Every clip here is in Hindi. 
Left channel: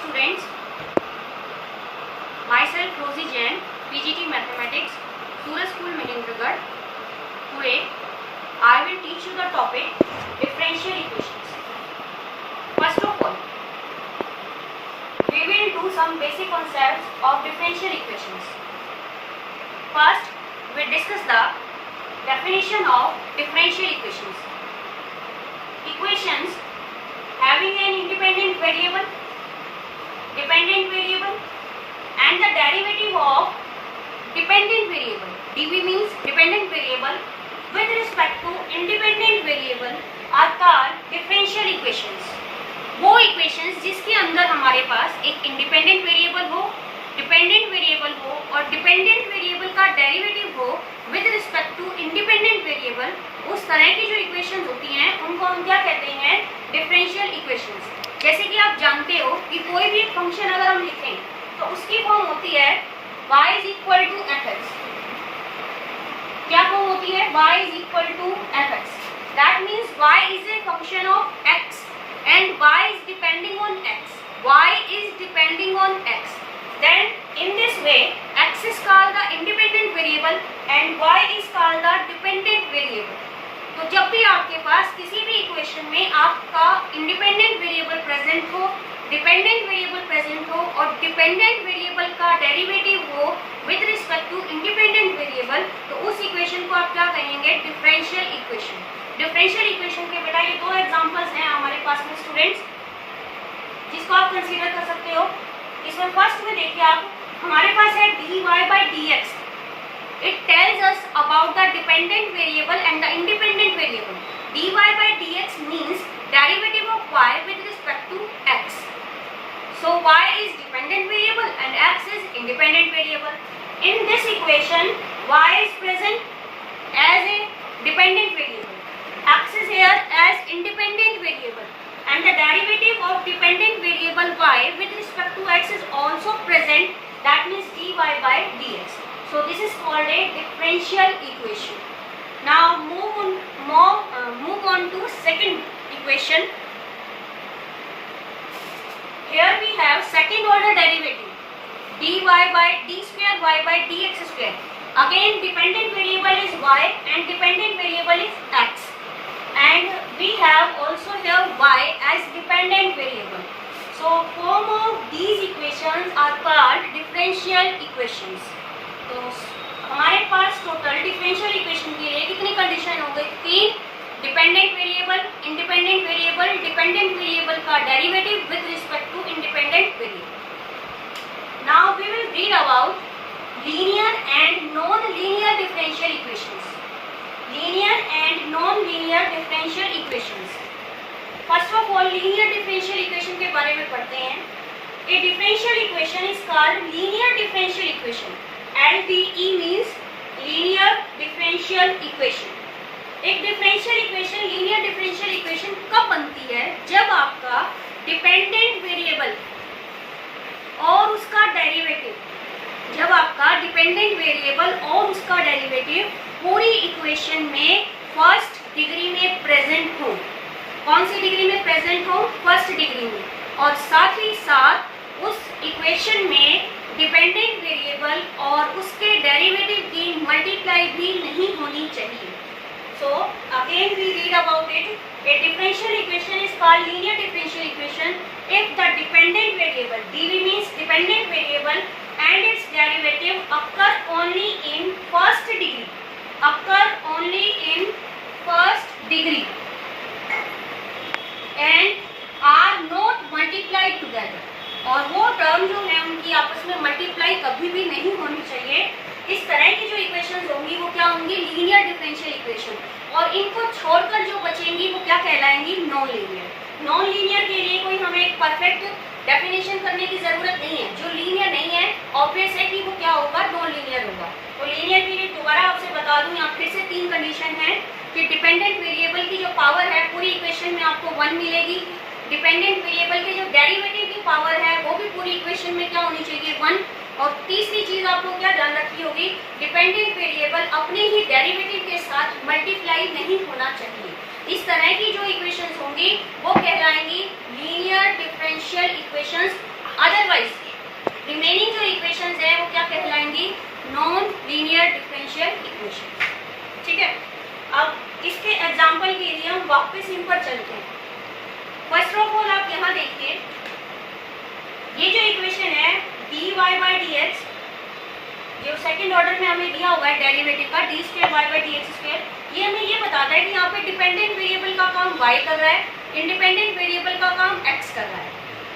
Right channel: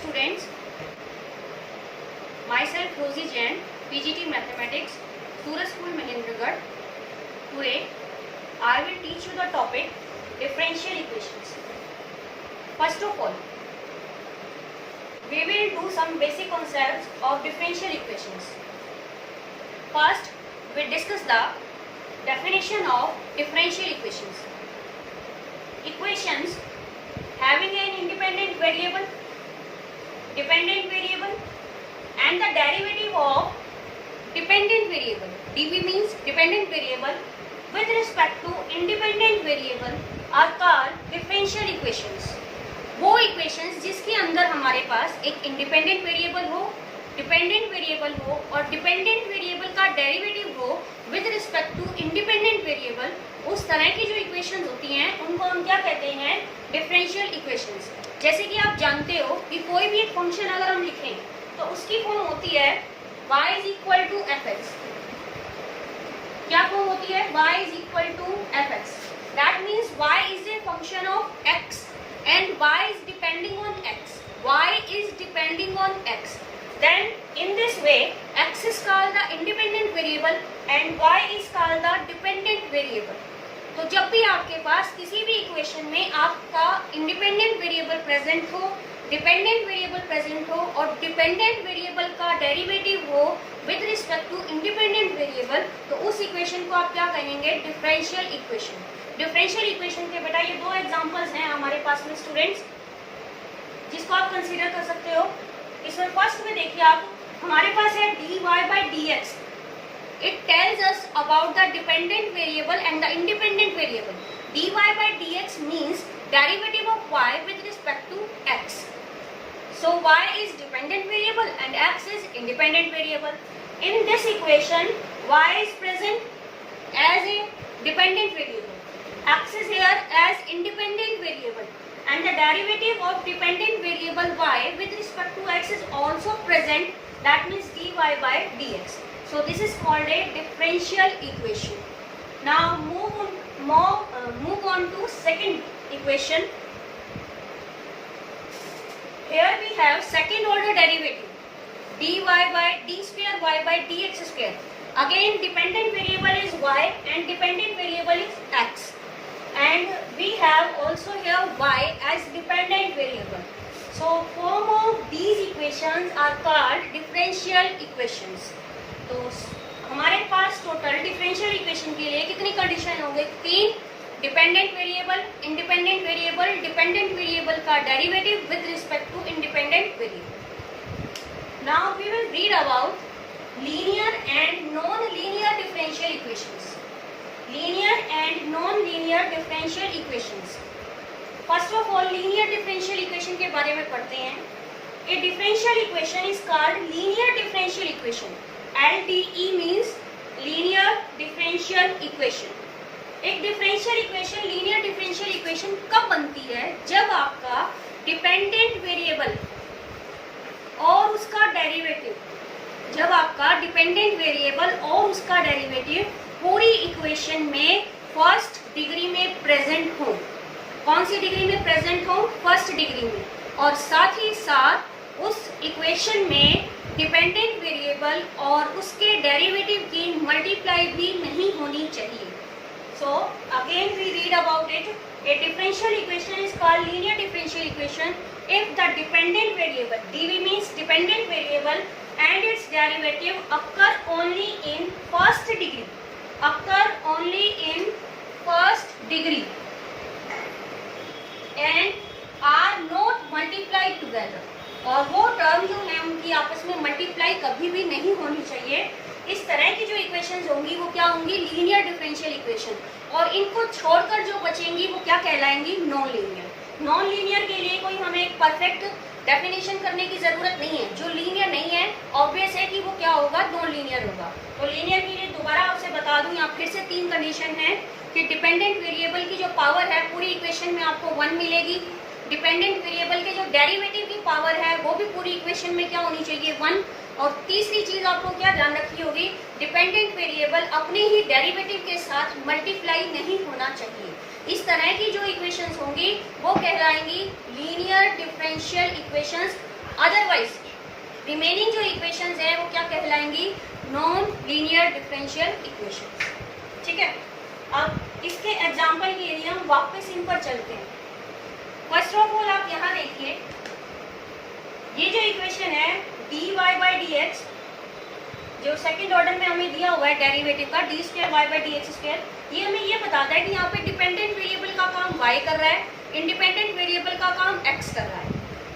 students, myself Rosie Jain, PGT Mathematics, Suraj School Mahendragarh. Today I will teach you the topic differential equations. First of all, we will do some basic concepts of differential equations. First, we will discuss the definition of differential equations. Equations having an independent variable, dependent variable and the derivative of dependent variable. dv means dependent variable with respect to independent variable are called differential equations. वो इक्वेशंस जिसके अंदर हमारे पास एक इंडिपेंडेंट वेरिएबल हो, डिपेंडेंट वेरिएबल हो और डिपेंडेंट वेरिएबल का डेरिवेटिव हो with respect to independent variable, उस तरह की जो इक्वेशंस होती हैं उनको हम क्या कहते हैं? Differential equations. जैसे कि आप जानते हो कि कोई भी एक फंक्शन अगर हम लिखें तो उसकी फॉर्म होती है y is equal to f x. क्या फॉर्म होती है? y is equal to f x. That means y is a function of x and y is depending on x. y is depending on x. Then in this way x is called the independent variable and y is called the dependent variable. तो जब भी आपके पास किसी भी इक्वेशन में आपका इंडिपेंडेंट वेरिएबल प्रेजेंट हो, डिपेंडेंट वेरिएबल प्रेजेंट हो और डिपेंडेंट वेरिएबल का डेरिवेटिव हो with respect to independent variable, तो उस इक्वेशन को आप क्या कहेंगे? Differential equation. डिफरेंशियल इक्वेशन के बेटा ये दो एग्जांपल्स हैं हमारे पास में स्टूडेंट्स, जिसको आप कंसीडर कर सकते हो. इसमें फर्स्ट में देखिए आप, हमारे पास है dy by dx. It tells us about the dependent variable and the independent variable. dy by dx means derivative of y with respect to x. So y is dependent variable and x is independent variable. In this equation, y is present as a dependent variable. X is here as independent variable and the derivative of dependent variable y with respect to x is also present, that means dy by dx. So this is called a differential equation. Now move on to second equation. Here we have second order derivative dy by d square y by dx square. Again dependent variable is y and dependent variable is x. And we have also here y as dependent variable. So form of these equations are called differential equations. तो हमारे पास टोटल डिफरेंशियल इक्वेशन के लिए कितनी कंडीशन हो गई? 3. Dependent variable, independent variable, dependent variable का derivative with respect to independent variable. Now we will read about linear and non linear differential equations. Linear and non-linear differential equations. First of all, linear differential equation के बारे में पढ़ते हैं. A differential equation is called linear differential equation. LDE means linear differential equation. एक differential equation, linear differential equation कब बनती है? जब आपका dependent variable और उसका derivative, जब आपका dependent variable और उसका derivative पूरी इक्वेशन में फर्स्ट डिग्री में प्रेजेंट हो. कौन सी डिग्री में प्रेजेंट हो? फर्स्ट डिग्री में. और साथ ही साथ उस इक्वेशन में डिपेंडेंट वेरिएबल और उसके डेरिवेटिव की मल्टीप्लाई भी नहीं होनी चाहिए. So again we read about it. A differential equation is called linear differential equation if the dependent variable, dv means dependent variable, and its derivative occur only in first degree. Occur only in first degree and are not multiplied together. और वो टर्म जो है उनकी आपस में मल्टीप्लाई कभी भी नहीं होनी चाहिए. इस तरह की जो इक्वेशंस होंगी वो क्या होंगी? Linear differential equation. और इनको छोड़कर जो बचेंगी वो क्या कहलाएंगी? Non linear. नॉन लीनियर के लिए कोई हमें एक परफेक्ट डेफिनेशन करने की जरूरत नहीं है. जो लीनियर नहीं है ऑब्वियस है कि वो क्या होगा? नॉन लीनियर होगा. तो लीनियर के लिए दोबारा आपसे बता दूं, यहाँ फिर से 3 कंडीशन है कि डिपेंडेंट वेरिएबल की जो पावर है पूरी इक्वेशन में आपको 1 मिलेगी. डिपेंडेंट वेरिएबल के जो डेरिवेटिव की पावर है वो भी पूरी इक्वेशन में क्या होनी चाहिए? 1. और तीसरी चीज आपको क्या ध्यान रखनी होगी? डिपेंडेंट वेरिएबल अपने ही डेरिवेटिव के साथ मल्टीप्लाई नहीं होना चाहिए. इस तरह की जो इक्वेशंस होंगी वो कहलाएंगी linear differential equations. Otherwise remaining जो इक्वेशंस है वो क्या कहलाएंगी, नॉन लीनियर डिफरेंशियल इक्वेशन। ठीक है, अब इसके एग्जांपल के लिए हम वापस इन पर चलते हैं। फर्स्ट ऑफ ऑल आप यहाँ देखिए, ये जो इक्वेशन है dy बाई डी एक्स, जो सेकंड ऑर्डर में हमें दिया हुआ है डेरिवेटिव का d square y by d x square, ये हमें ये बताता है कि यहाँ पे डिपेंडेंट वेरिएबल का काम y कर रहा है, इंडिपेंडेंट वेरिएबल का काम x कर रहा है।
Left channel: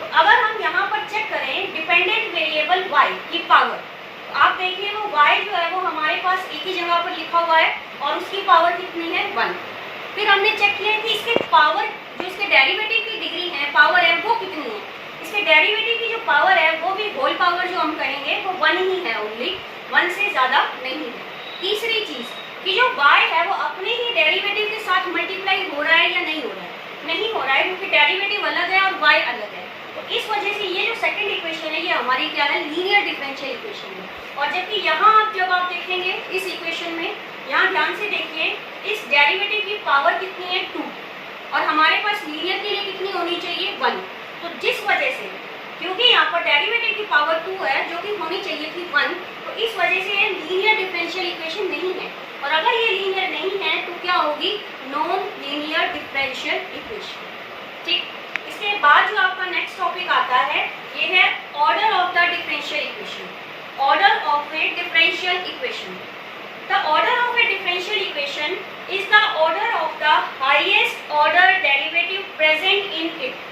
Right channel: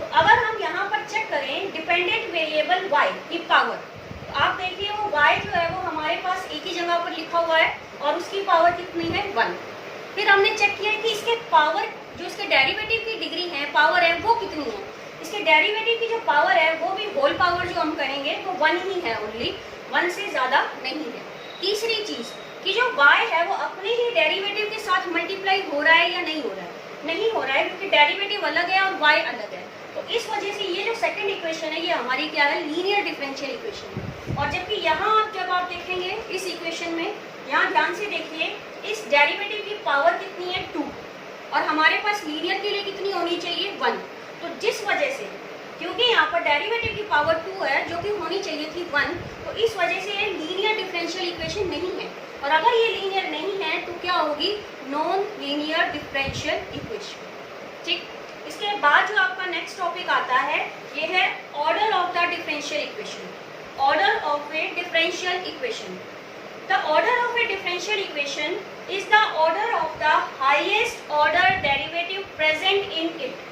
तो अगर हम यहाँ पर चेक करें डिपेंडेंट वेरिएबल y की पावर, तो आप देखिए वो y जो है वो हमारे पास एक ही जगह पर लिखा हुआ है और उसकी पावर कितनी है 1। फिर हमने चेक किया कि इसके पावर जो इसके डेरिवेटिव की डिग्री है, पावर है, वो कितनी है। इसके डेरिवेटिव की जो पावर है वो भी होल पावर जो हम करेंगे वो 1 ही है, ओनली 1 से ज़्यादा नहीं है। तीसरी चीज़ कि जो y है वो अपने ही डेरिवेटिव के साथ मल्टीप्लाई हो रहा है या नहीं हो रहा है, नहीं हो रहा है, क्योंकि डेरिवेटिव अलग है और y अलग है। तो इस वजह से ये जो सेकंड इक्वेशन है ये हमारी क्या है, लीनियर डिफरेंशियल इक्वेशन है। और जबकि यहाँ जब आप देखेंगे इस इक्वेशन में, यहाँ ध्यान से देखिए, इस डेरिवेटिव की पावर कितनी है 2 और हमारे पास लीनियर के लिए कितनी होनी चाहिए 1। तो जिस वजह से, क्योंकि यहाँ पर डेरिवेटिव की पावर 2 है जो कि होनी चाहिए थी 1, तो इस वजह से ये लीनियर डिफरेंशियल इक्वेशन नहीं है। और अगर ये लीनियर नहीं है तो क्या होगी, नॉन लीनियर डिफरेंशियल इक्वेशन। ठीक, इसके बाद जो आपका नेक्स्ट टॉपिक आता है ये है order of the differential equation. Order of A differential equation, the order of A differential equation is the order of the highest order derivative present in it.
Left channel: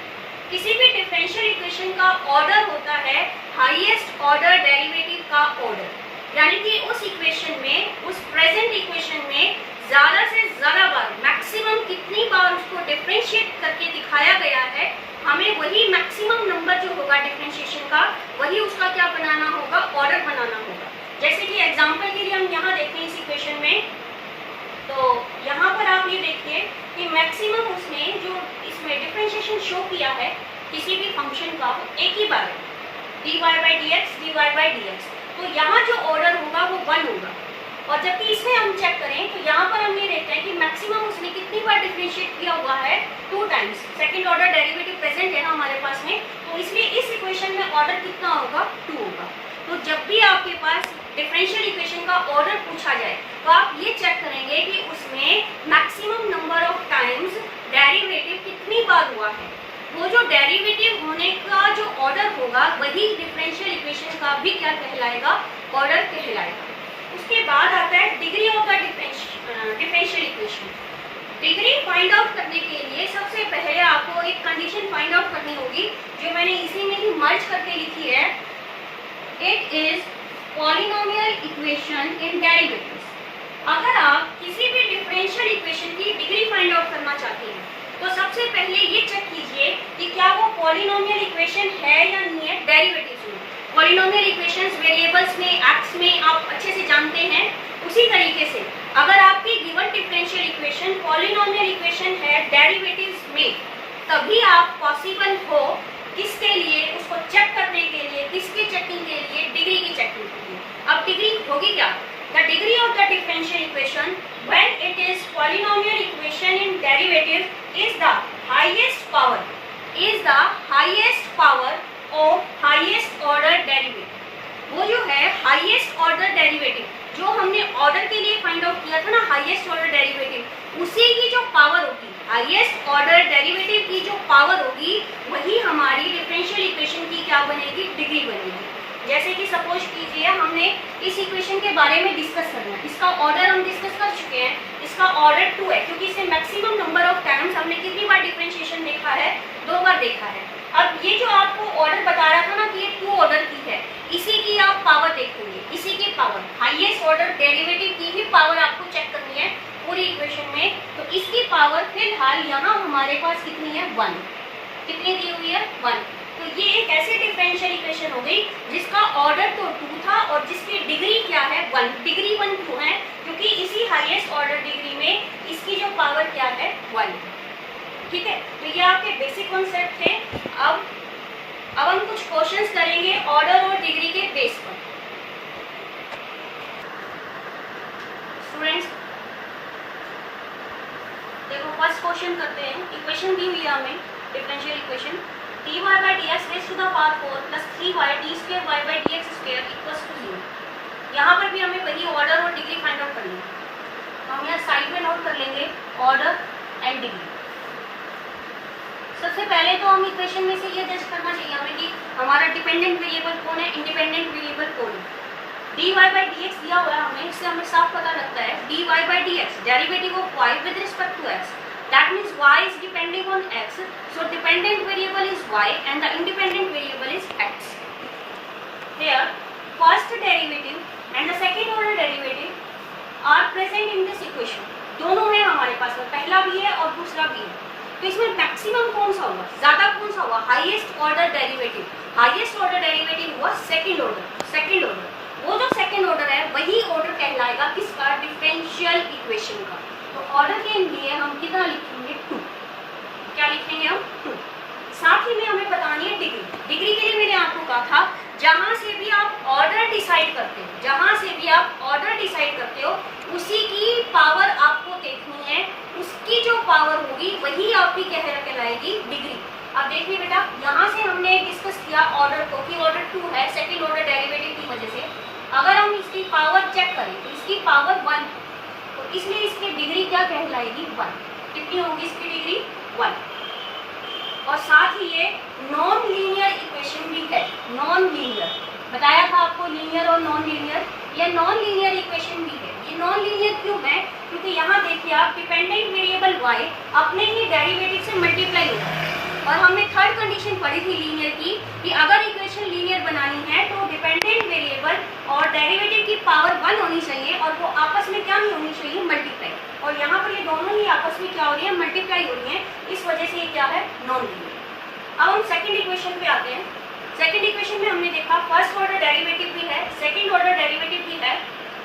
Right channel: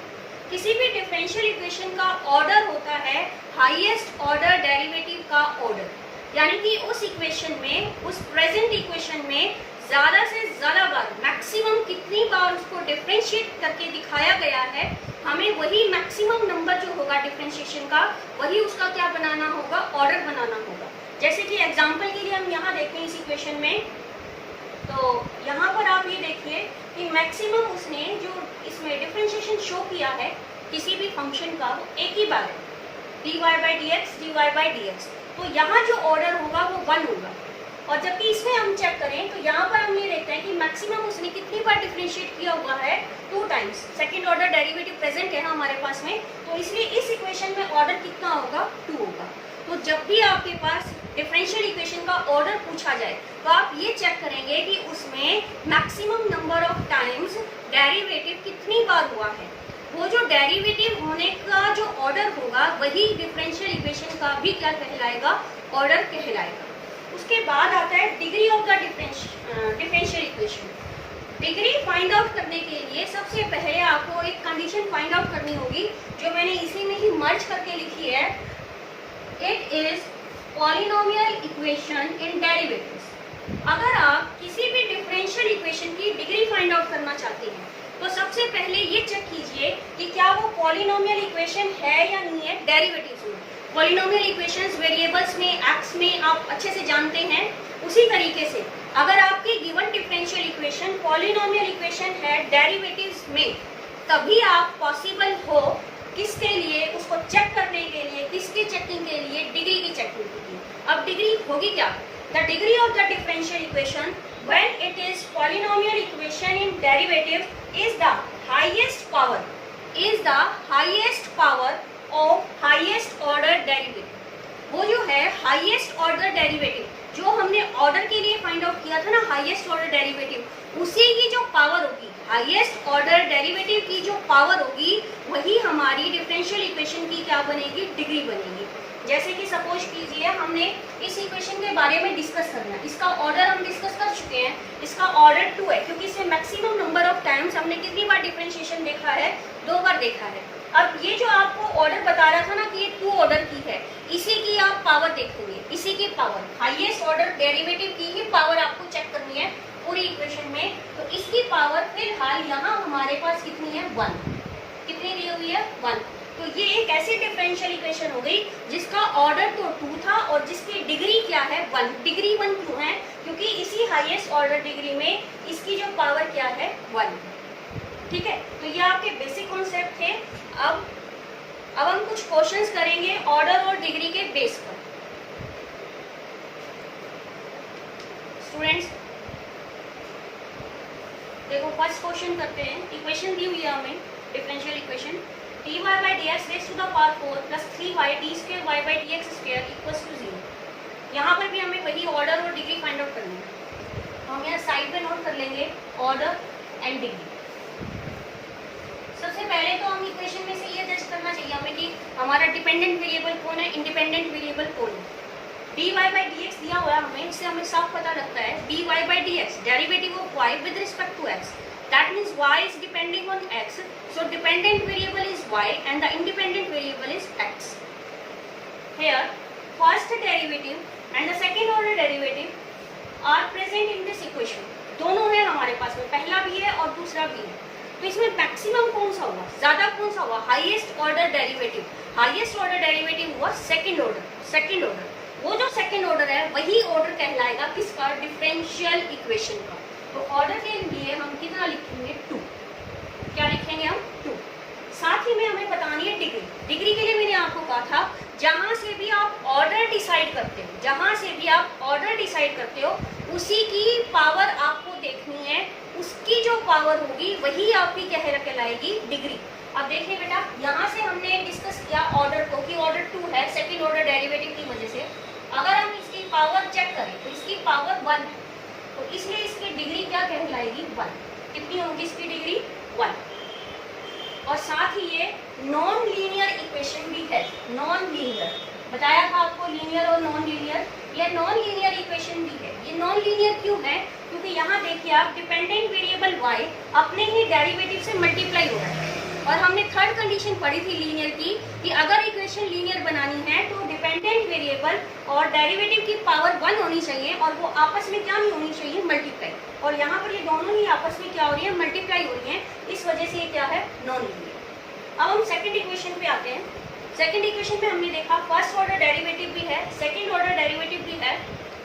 किसी भी डिफरेंशियल इक्वेशन का ऑर्डर होता है हाईएस्ट ऑर्डर डेरिवेटिव का ऑर्डर, यानी कि उस इक्वेशन में, उस प्रेजेंट इक्वेशन में ज़्यादा से ज़्यादा बार, मैक्सिमम कितनी बार उसको डिफरेंशिएट करके दिखाया गया है, हमें वही मैक्सिमम नंबर जो होगा डिफरेंशिएशन का, वही उसका क्या बनाना होगा, ऑर्डर बनाना होगा। जैसे कि एग्जांपल के लिए हम यहाँ देखते हैं इस इक्वेशन में, तो यहाँ पर आप ये देखिए कि मैक्सिमम उसने जो इसमें डिफरेंशिएशन शो किया है किसी भी फंक्शन का, एक ही बार है, dy by d x, dy by d x. तो यहाँ जो ऑर्डर होगा वो 1 होगा। और जबकि इसमें हम चेक करें तो यहाँ पर हम ये देखते हैं कि मैक्सिमम उसने कितनी बार डिफरेंशिएट किया हुआ है, 2 times. Second order derivative present है ना हमारे पास में, तो इसलिए इस इक्वेशन में ऑर्डर कितना होगा, 2 होगा। तो जब भी आपके पास डिफरेंशियल इक्वेशन का ऑर्डर पूछा जाए तो आप ये चेक करेंगे कि उसमें maximum number of times derivative कितनी बार हुआ है। वो जो डेरिवेटिव होने का जो ऑर्डर होगा वही डिफरेंशियल इक्वेशन का भी क्या कहलाएगा, ऑर्डर कहलाएगा। उसके बाद आता है degree of the differential equation. Degree find out करने के लिए सबसे पहले आपको एक कंडीशन फाइंड आउट करनी होगी, जो मैंने इसी में ही मर्ज करके लिखी है। It is polynomial equation in derivatives. अगर आप किसी भी डिफरेंशियल इक्वेशन की डिग्री फाइंड आउट करना चाहते हैं तो सबसे पहले ये चेक कीजिए कि क्या वो पॉलिनोमियल इक्वेशन है या नहीं है डेरिवेटिव्स में। पॉलिनोमियल इक्वेशंस वेरिएबल्स में, एक्स में आप अच्छे से जानते हैं। उसी तरीके से अगर आपकी given differential equation polynomial equation है डेरिवेटिव्स में, तभी आप पॉसिबल हो किसके लिए, उसको चेक करने के लिए, किसकी चेकिंग के लिए, डिग्री की चेकिंग के लिए। अब डिग्री होगी क्या, the degree of the differential equation when it is polynomial equation in derivative is the highest power of highest order derivative। वो जो है हाईएस्ट ऑर्डर डेरिवेटिव, जो हमने ऑर्डर के लिए फाइंड आउट किया था ना, हाईएस्ट ऑर्डर डेरिवेटिव, उसी की जो पावर होगी, हाईएस्ट ऑर्डर डेरिवेटिव की जो पावर होगी, वही हमारी डिफरेंशियल इक्वेशन की क्या बनेगी, डिग्री बनेगी। जैसे कि सपोज कीजिए हमने इस इक्वेशन के बारे में डिस्कस करना है, इसका ऑर्डर हम डिस्कस कर चुके हैं, इसका ऑर्डर 2 है, क्योंकि इससे मैक्सिमम नंबर ऑफ टाइम्स हमने कितनी बार डिफरेंशिएशन देखा है, 2 बार देखा है। अब ये जो आपको ऑर्डर बता रहा था ना कि ये 2 ऑर्डर की है, इसी की आप पावर देखेंगे, इसी की पावर, हाईएस्ट ऑर्डर डेरिवेटिव की ही पावर आपको चेक करनी है पूरी इक्वेशन में। तो इसकी पावर फिलहाल यहाँ हमारे पास कितनी है, 1। कितनी दी हुई है, 1। तो ये एक ऐसी डिफरेंशियल इक्वेशन हो गई जिसका ऑर्डर तो 2 था और जिसकी डिग्री क्या है, 1। डिग्री 1 क्यों है, क्योंकि इसी हाईएस्ट ऑर्डर डिग्री में इसकी जो पावर क्या है, 1। ठीक है, तो ये आपके बेसिक कॉन्सेप्ट थे। अब हम कुछ क्वेश्चंस करेंगे ऑर्डर और डिग्री के बेस पर। स्टूडेंट्स देखो, फर्स्ट क्वेश्चन करते हैं। इक्वेशन दी हुई है हमें, differential equation dy by d x raise to the power 4 plus 3y d square y by d x square equals to 0। यहाँ पर भी हमें वही ऑर्डर और डिग्री फाइंड आउट करनी है। तो हम यहाँ साइड में नोट कर लेंगे ऑर्डर एंड डिग्री। सबसे पहले तो हम इक्वेशन में से ये जज करना चाहिए हमें कि हमारा डिपेंडेंट वेरिएबल कौन है, इंडिपेंडेंट वेरिएबल कौन है। dy बाई डी एक्स दिया हुआ है हमें, इससे हमें साफ पता लगता है dy by d x derivative of y with respect to x, that means y is depending on x, so dependent variable is y and the independent variable is x। Here first derivative and the second order derivative are present in this equation। दोनों है हमारे पास में, पहला भी है और दूसरा भी है। तो इसमें मैक्सिमम कौन सा हुआ, ज्यादा कौन सा हुआ, highest order derivative. Highest order derivative हुआ सेकंड ऑर्डर। सेकंड ऑर्डर, वो जो सेकंड ऑर्डर है वही ऑर्डर कहलाएगा किसका, डिफरेंशियल इक्वेशन का। तो ऑर्डर के लिए हम कितना लिखेंगे, 2। क्या लिखेंगे हम, 2। साथ ही में हमें बतानी है डिग्री। डिग्री के लिए मैंने आपको कहा था जहां से भी आप ऑर्डर डिसाइड करते हो, जहां से भी आप ऑर्डर डिसाइड करते हो उसी की पावर आपको देखनी है, उसकी जो पावर होगी वही आपकी कहलाएगी डिग्री। अब देखिए बेटा, यहाँ से हमने डिस्कस किया ऑर्डर को कि ऑर्डर 2 है सेकंड ऑर्डर डेरिवेटिव की वजह से। अगर हम इसकी पावर चेक करें तो इसकी पावर 1, तो इसलिए इसकी डिग्री क्या कहलाएगी, 1। कितनी होगी इसकी डिग्री, 1। और साथ ही ये नॉन लीनियर इक्वेशन भी है। नॉन लीनियर बताया था आपको, लीनियर और नॉन लीनियर, ये नॉन लीनियर इक्वेशन भी है। ये नॉन लीनियर क्यों है, क्योंकि यहाँ देखिए आप डिपेंडेंट वेरिएबल y अपने ही डेरिवेटिव से मल्टीप्लाई होगा है। और हमने थर्ड कंडीशन पढ़ी थी लीनियर की कि अगर इक्वेशन लीनियर बनानी है तो डिपेंडेंट वेरिएबल और डेरिवेटिव की पावर 1 होनी चाहिए और वो आपस में क्या नहीं होनी चाहिए, मल्टीप्लाई। और यहाँ पर ये दोनों ही आपस में क्या हो रही है, मल्टीप्लाई हो रही है, इस वजह से ये क्या है, नॉन लीनियर। अब हम सेकंड इक्वेशन पे आते हैं। सेकंड इक्वेशन में हमने देखा फर्स्ट ऑर्डर डेरिवेटिव भी है, सेकंड ऑर्डर डेरिवेटिव भी है।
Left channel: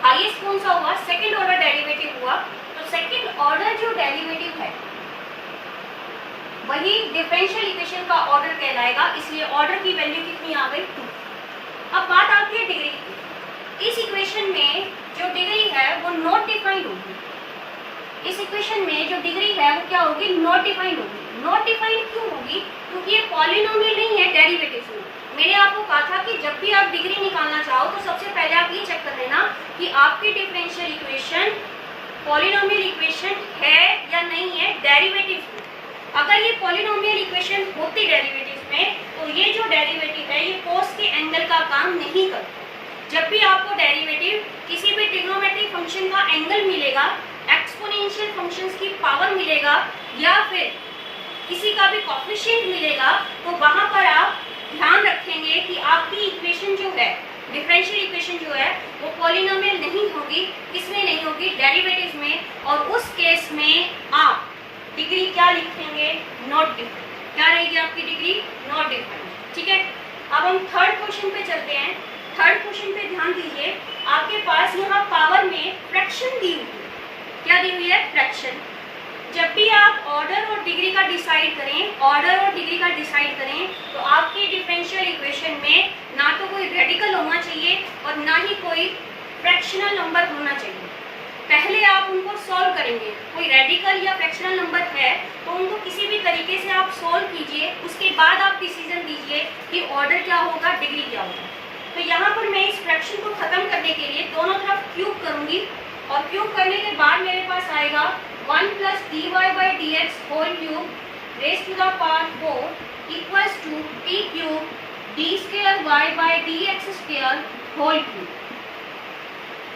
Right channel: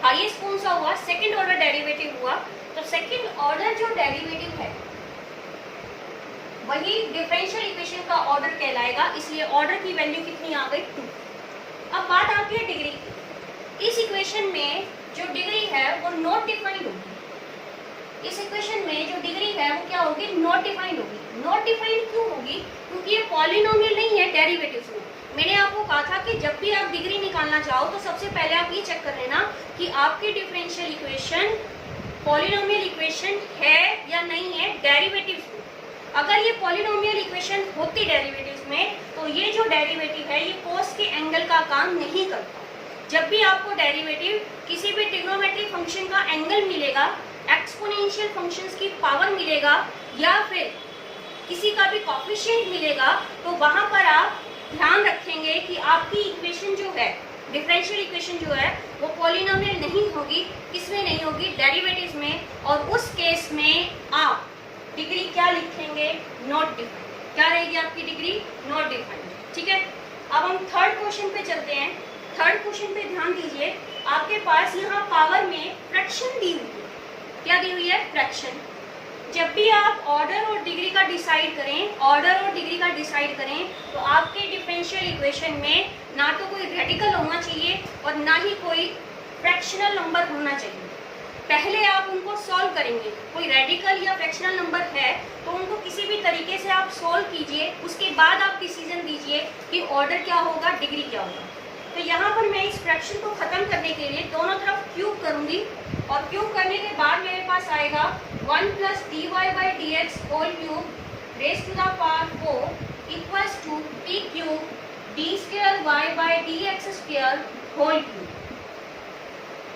हाईएस्ट कौन सा हुआ, सेकंड ऑर्डर डेरिवेटिव हुआ। तो सेकंड ऑर्डर जो डेरिवेटिव है वही डिफरेंशियल इक्वेशन का ऑर्डर कहलाएगा, इसलिए ऑर्डर की वैल्यू कितनी आ गई, 2। अब बात आती है डिग्री की। इस इक्वेशन में जो डिग्री है वो नॉट डिफाइंड होगी। इस इक्वेशन में जो डिग्री है वो क्या होगी, नॉट डिफाइंड होगी। नॉट डिफाइंड क्यों होगी, क्योंकि ये पॉलिनोमियल नहीं है डेरिवेटिव में। मैंने आपको कहा था कि जब भी आप डिग्री निकालना चाहो तो सबसे पहले आप ये चेक कर लेना कि आपकी डिफरेंशियल इक्वेशन पॉलिनोमियल इक्वेशन है या नहीं है डेरिवेटिव में। अगर ये पॉलिनोमियल इक्वेशन होती डेरिवेटिव में तो ये जो डेरिवेटिव है ये कोस के एंगल का काम नहीं करता। जब भी आपको डेरिवेटिव किसी भी ट्रिग्नोमेट्रिक फंक्शन का एंगल मिलेगा, एक्सपोनेंशियल फंक्शंस की पावर मिलेगा या फिर किसी का भी कोफिशिएंट मिलेगा, तो वहां पर आप ध्यान रखेंगे कि आपकी इक्वेशन जो है, डिफरेंशियल इक्वेशन जो है वो पॉलिनोमियल नहीं होगी। किसमें नहीं होगी, डेरिवेटिव में। और उस केस में आप डिग्री क्या लिखेंगे, नॉट डिफाइंड। क्या रहेगी आपकी डिग्री, नॉट डिफाइंड। ठीक है, अब हम थर्ड क्वेश्चन पे चलते हैं। थर्ड क्वेश्चन पे ध्यान दीजिए, आपके पास यहाँ पावर में फ्रैक्शन दी हुई है। क्या दी हुई है, फ्रैक्शन। जब भी आप ऑर्डर और डिग्री का डिसाइड करें, ऑर्डर और डिग्री का डिसाइड करें, तो आपके डिफरेंशियल इक्वेशन में ना तो कोई रेडिकल होना चाहिए और ना ही कोई फ्रैक्शनल नंबर होना चाहिए। पहले आप उनको सॉल्व करेंगे, कोई रेडिकल या फ्रैक्शनल नंबर है तो उनको किसी भी तरीके से आप सॉल्व कीजिए, उसके बाद आप डिसीजन दीजिए कि ऑर्डर क्या होगा, डिग्री क्या होगा। तो यहाँ पर मैं इस फ्रैक्शन को खत्म करने के लिए दोनों तरफ क्यूब करूंगी और क्यूब करने के बाद मेरे पास आएगा 1 + dy by d x whole cube raise to the power 4 equals to t cube d square y by d x square whole cube.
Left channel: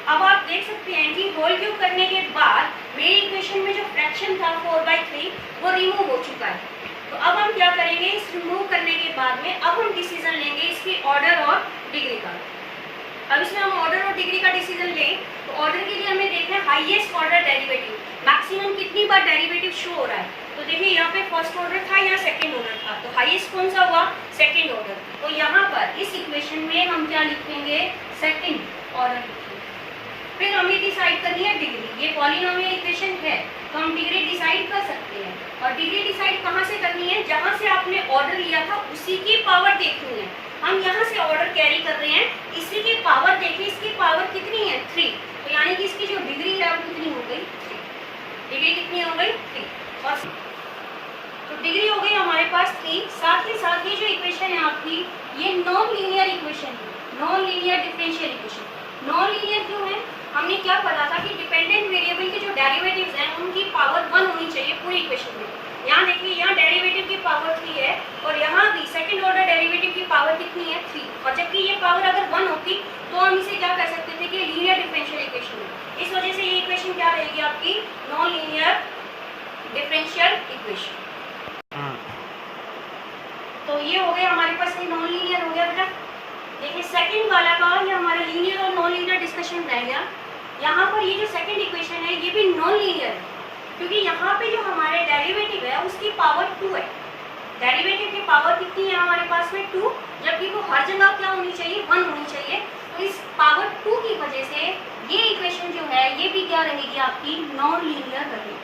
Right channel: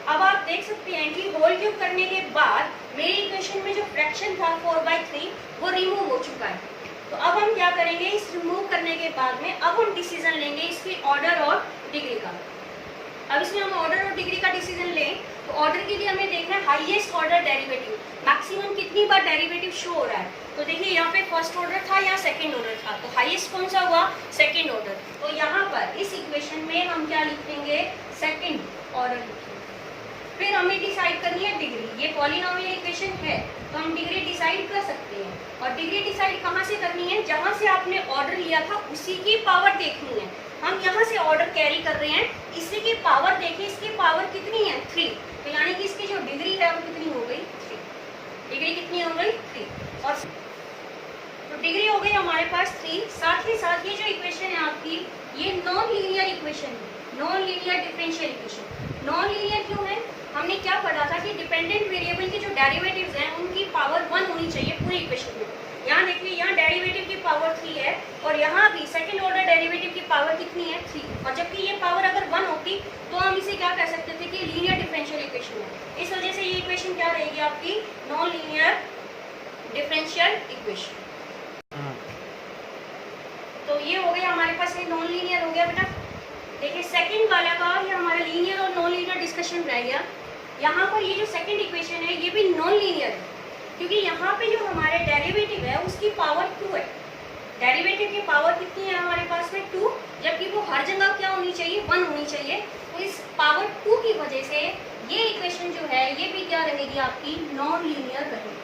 अब आप देख सकते हैं कि होल क्यूब करने के बाद मेरी इक्वेशन में जो फ्रैक्शन था 4/3 वो रिमूव हो चुका है। तो अब हम क्या करेंगे, इस रिमूव करने के बाद में अब हम डिसीजन लेंगे इसकी ऑर्डर और डिग्री का। अब इसमें हम ऑर्डर और डिग्री का डिसीजन लें तो ऑर्डर के लिए हमें देखना है हाईएस्ट ऑर्डर डेरिवेटिव, मैक्सिमम कितनी बार डेरिवेटिव शो हो रहा है। तो देखिए यहाँ पे फर्स्ट ऑर्डर था या सेकंड ऑर्डर था, तो हाईएस्ट कौन सा हुआ, सेकंड ऑर्डर। तो यहाँ पर इस इक्वेशन में हम क्या लिखेंगे, सेकंड ऑर्डर लिखेंगे। फिर हमें डिसाइड करनी है डिग्री। ये पॉलिनोमियल इक्वेशन है तो हम डिग्री डिसाइड कर सकते हैं। और डिग्री डिसाइड कहाँ से करनी है, जहाँ से आपने ऑर्डर लिया था उसी की पावर देखनी है। हम यहाँ से ऑर्डर कैरी कर रहे हैं, इसी की पावर देखिए, इसकी पावर कितनी है, 3। तो यानी कि इसकी जो डिग्री है वो कितनी हो गई, 3। डिग्री कितनी हो गई, 3। और तो डिग्री हो गई हमारे पास 3। साथ ही जो इक्वेशन यहाँ आपकी ये नॉन लीनियर इक्वेशन है, non linear differential equation. Non linear क्यों है? हमने क्या पढ़ा था कि डिपेंडेंट वेरिएबल के जो डेरिवेटिव्स हैं उनकी पावर 1 होनी चाहिए पूरी इक्वेशन में। यहाँ देखिए, यहाँ डेरिवेटिव की पावर 3 है और यहाँ भी सेकंड ऑर्डर डेरिवेटिव की पावर कितनी है? 3। और जबकि ये पावर अगर 1 होती तो हम इसे क्या कह सकते थे कि लीनियर डिफरेंशियल इक्वेशन है। इस वजह से ये इक्वेशन क्या रहेगी आपकी? Non linear differential equation. तो ये हो गया हमारे पास, नॉन लीनियर हो गया बेटा। देखिए सेकंड वाला का ये हमारा लीनियर और नॉन लीनियर डिस्कशन रह गया। यहाँ पर ये जो सेकंड इक्वेशन है ये भी नॉन लीनियर है, क्योंकि यहाँ पे जो हमारे डेरिवेटिव है उसकी पावर 2 है। डेरिवेटिव की पावर कितनी है हमारे पास में? 2, जबकि वो हर जगह क्या होनी चाहिए? 1 होनी चाहिए। तो इस पावर 2 की वजह से ये इक्वेशन जो है ये भी क्या रहेगी आपकी? नॉन लीनियर रहेगी।